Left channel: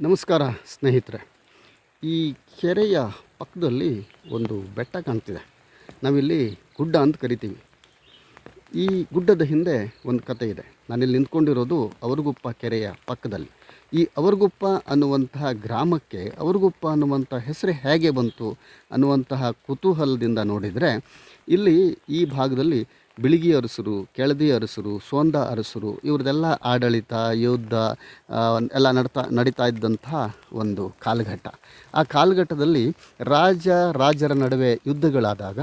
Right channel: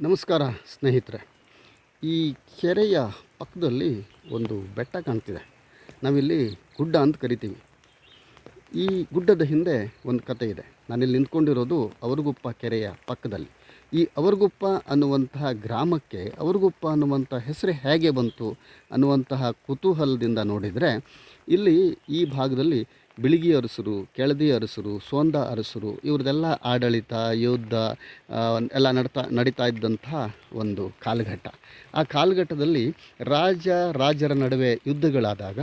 ನಮಸ್ಕಾರ ಸ್ನೇಹಿತರೆ. ಈ ಕೆರೆಯ ಪಕ್ಕದಲ್ಲಿ ಒಂದು ಬೆಟ್ಟ ಕಾಣ್ತಿದೆ. ನಾವಿಲ್ಲಿ ಗುಡ್ಡ ಅಂತ ಕರಿತೀವಿ. ಈ ಗುಡ್ಡದ ಹಿಂದೆ ಒಂದು ಕತೆ ಇದೆ. ನಾನಿಲ್ಲಿ ನಿಂತ್ಕೊಂಡಿರೋದು ಅವರಗುಪ್ಪ ಕೆರೆಯ ಪಕ್ಕದಲ್ಲಿ. ಈ ಅವರಗುಪ್ಪ ಅನ್ನುವಂತಹ ಗ್ರಾಮಕ್ಕೆ, ಅವರಗುಪ್ಪ ಅನ್ನುವಂಥ ಹೆಸರು ಹೇಗೆ ಬಂತು ಅನ್ನುವಂತಹ ಕುತೂಹಲದಿಂದ ನೋಡಿದರೆ, ಇಲ್ಲಿ ಈ ಭಾಗದಲ್ಲಿ ಬಿಳಿಗಿ ಅರಸರು, ಕೆಳದಿ ಅರಸರು ಸೋಂದ ಅರಸರು ಇವ್ರದ್ದೆಲ್ಲ ಆಡಳಿತ, ಯುದ್ಧ ಎಲ್ಲ ನಡ್ತಾ, ನಡೀತಾ ಇದ್ದಂಥ ಒಂದು ಕಾಲಘಟ್ಟ. ಆ ಕಾಲಘಟ್ಟದಲ್ಲಿ ರಾಜ, ರಾಜರ ನಡುವೆ ಯುದ್ಧಗಳಾದಾಗ,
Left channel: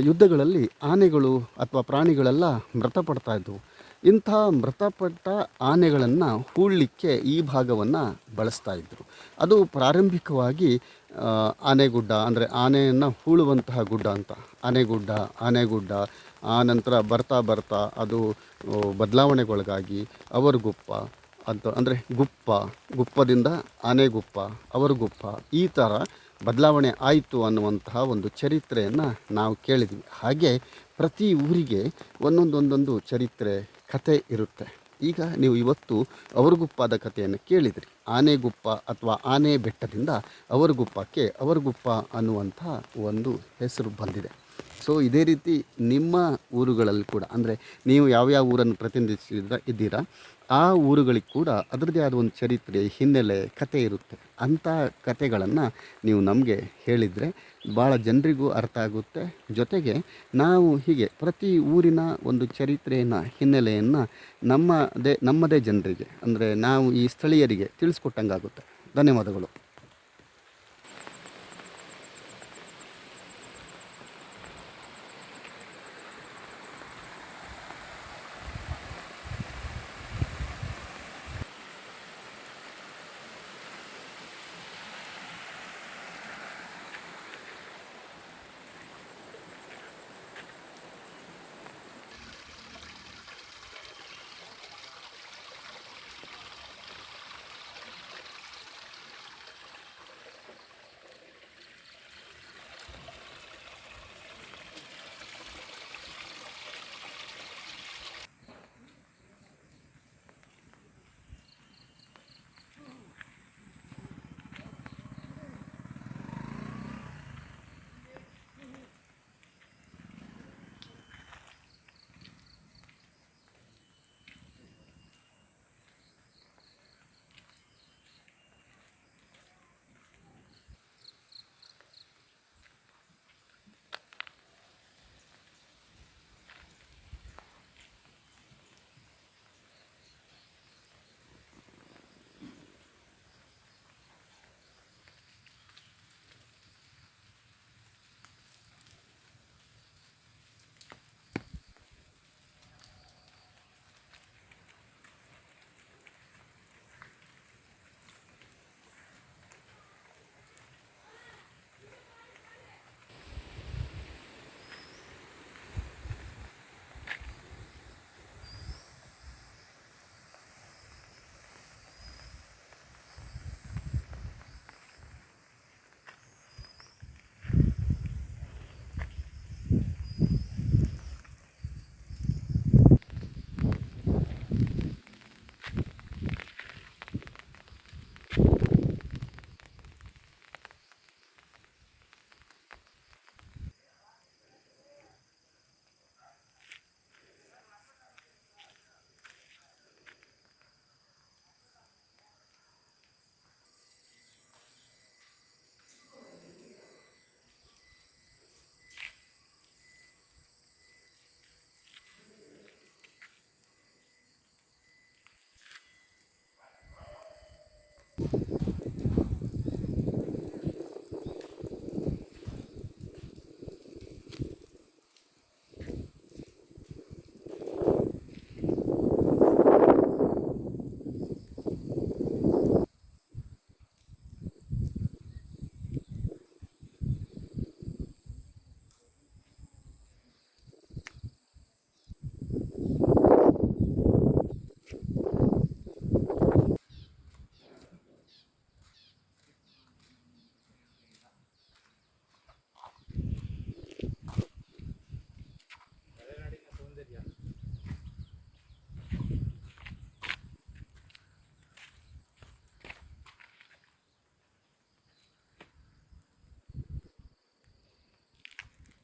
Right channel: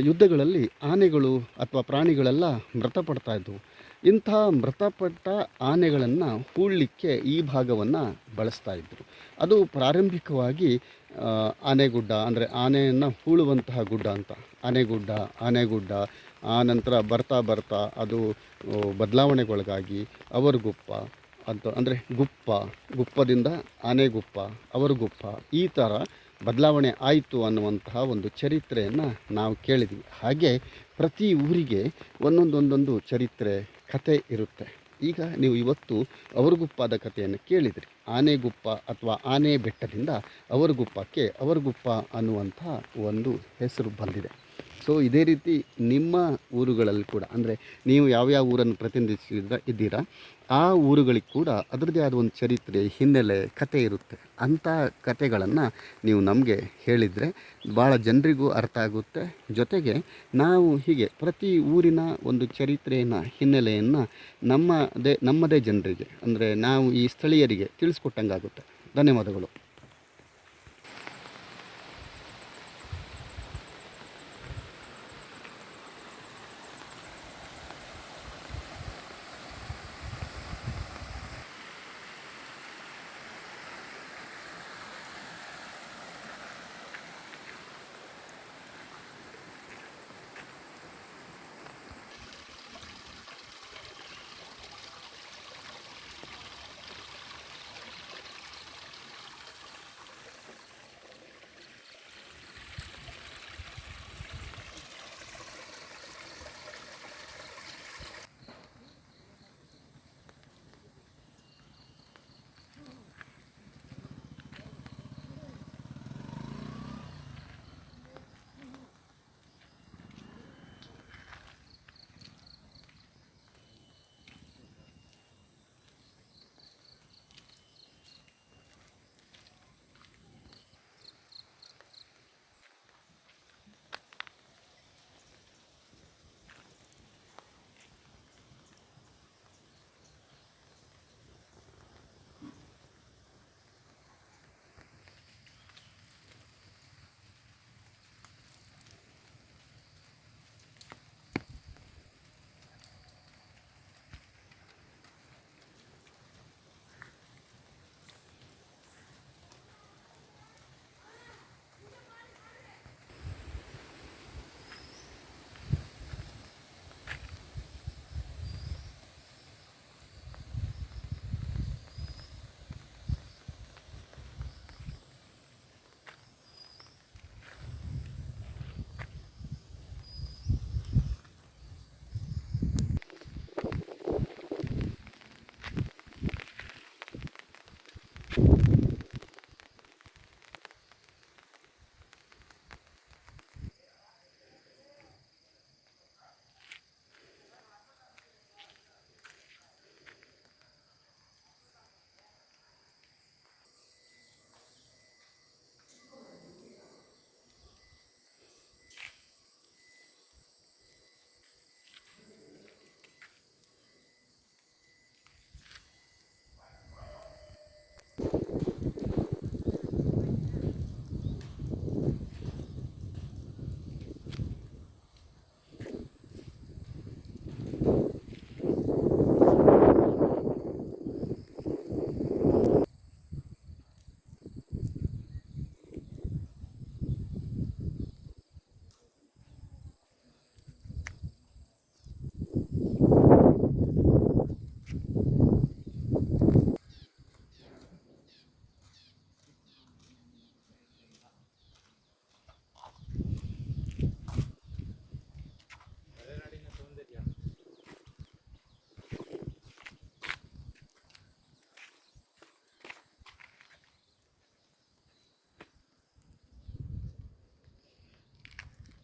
ಯುದ್ಧಗಳಲ್ಲಿ ಆನೆಗಳು ಅಥವಾ ಪ್ರಾಣಿಗಳೆಲ್ಲ ಮೃತಪಡ್ತಾ ಇದ್ದವು ಇಂಥ ಮೃತಪಟ್ಟ ಆನೆಗಳನ್ನು ಹೂಳಲಿಕ್ಕೆ ಈ ಭಾಗವನ್ನು ಬಳಸ್ತಾ ಇದ್ದರು ಅದು ಪ್ರಾರಂಭಿಕವಾಗಿ ಆನೆಗುಡ್ಡ, ಅಂದರೆ ಆನೆಯನ್ನು ಹೂಳುವಂತಹ ಗುಡ್ಡ ಅಂತ. ಆನೆಗುಡ್ಡ ಆನೆಗುಡ್ಡ, ಆ ನಂತರ ಬರ್ತಾ ಬರ್ತಾ ಅದು ಬದಲಾವಣೆಗೊಳಗಾಗಿ ಬದಲಾವಣೆಗೊಳಗಾಗಿ ಅವರಗುಪ್ಪ ಅಂತ, ಅಂದರೆ ಗುಪ್ಪ, ಗುಪ್ಪದಿಂದ ಆನೆಗುಪ್ಪ, ಅವರಗುಪ್ಪ, ಈ ಥರ ಬದಲಾವಣೆ ಆಯಿತು ಅನ್ನುವಂತಹ ಒಂದು ಚರಿತ್ರೆಯನ್ನು ನಾವು ಕೇಳಿದ್ವಿ. ಹಾಗೆ ಪ್ರತಿ ಊರಿಗೆ ಒಂದೊಂದೊಂದೊಂದು ಚರಿತ್ರೆ ಕತೆ ಇರುತ್ತೆ. ಈಗ ನೀವು ಇವತ್ತು ಅವರಗುಪ್ಪದ ಕಥೆಯನ್ನು ಕೇಳಿದಿರಿ. ಆನೆಗುಪ್ಪ ಅಥವಾ ಆನೆ ಬೆಟ್ಟದಿಂದ ಅವರಗುಪ್ಪಕ್ಕೆ ಅವರಗುಪ್ಪ ಅನ್ನುವಂಥ ಒಂದು ಹೆಸರು ಬಂದಿದೆ. ಸೊ ಇದೇ ರೀತಿ ನಿಮ್ಮ ಊರುಗಳಲ್ಲಿ ಕೂಡ, ಅಂದರೆ ನೀವು ಯಾವ್ಯಾವ ಊರನ್ನು ಪ್ರತಿನಿಧಿಸಿದ, ಇದ್ದೀರಾ, ಆ ಊರುಗಳಿಗೆ ಕೂಡ ಅದರದ್ದೇ ಆದ ಒಂದು ಚರಿತ್ರೆ, ಹಿನ್ನೆಲೆ ಕತೆ ಇರುತ್ತೆ. ಅಂಥ ಕತೆಗಳನ್ನು ನೀವು ನಮಗೆ ಹೇಳಿದರೆ ಭಾಳ ಜನರಿಗೂ ಅರ್ಥ ಆಗುತ್ತೆ. ಜೊತೆಗೆ ನಾವು ಹೀಗೆ ಪ್ರತಿ ಊರಿನ ಒಂದು ಚರಿತ್ರೆಯನ್ನು, ಹಿನ್ನೆಲೆಯನ್ನು ನಮ್ಮದೇ ನಮ್ಮದೇ ಜನರಿಗೆ, ಅಂದರೆ ನಾವು ಈ ಸ್ಥಳೀಯರಿಗೆ ತಿಳಿಸ್ಕೊಟ್ಟಂಗಾಗುತ್ತೆ. ಧನ್ಯವಾದಗಳು.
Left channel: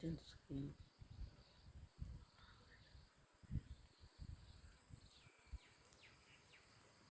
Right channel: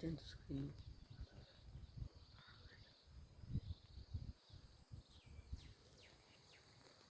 真的是可以。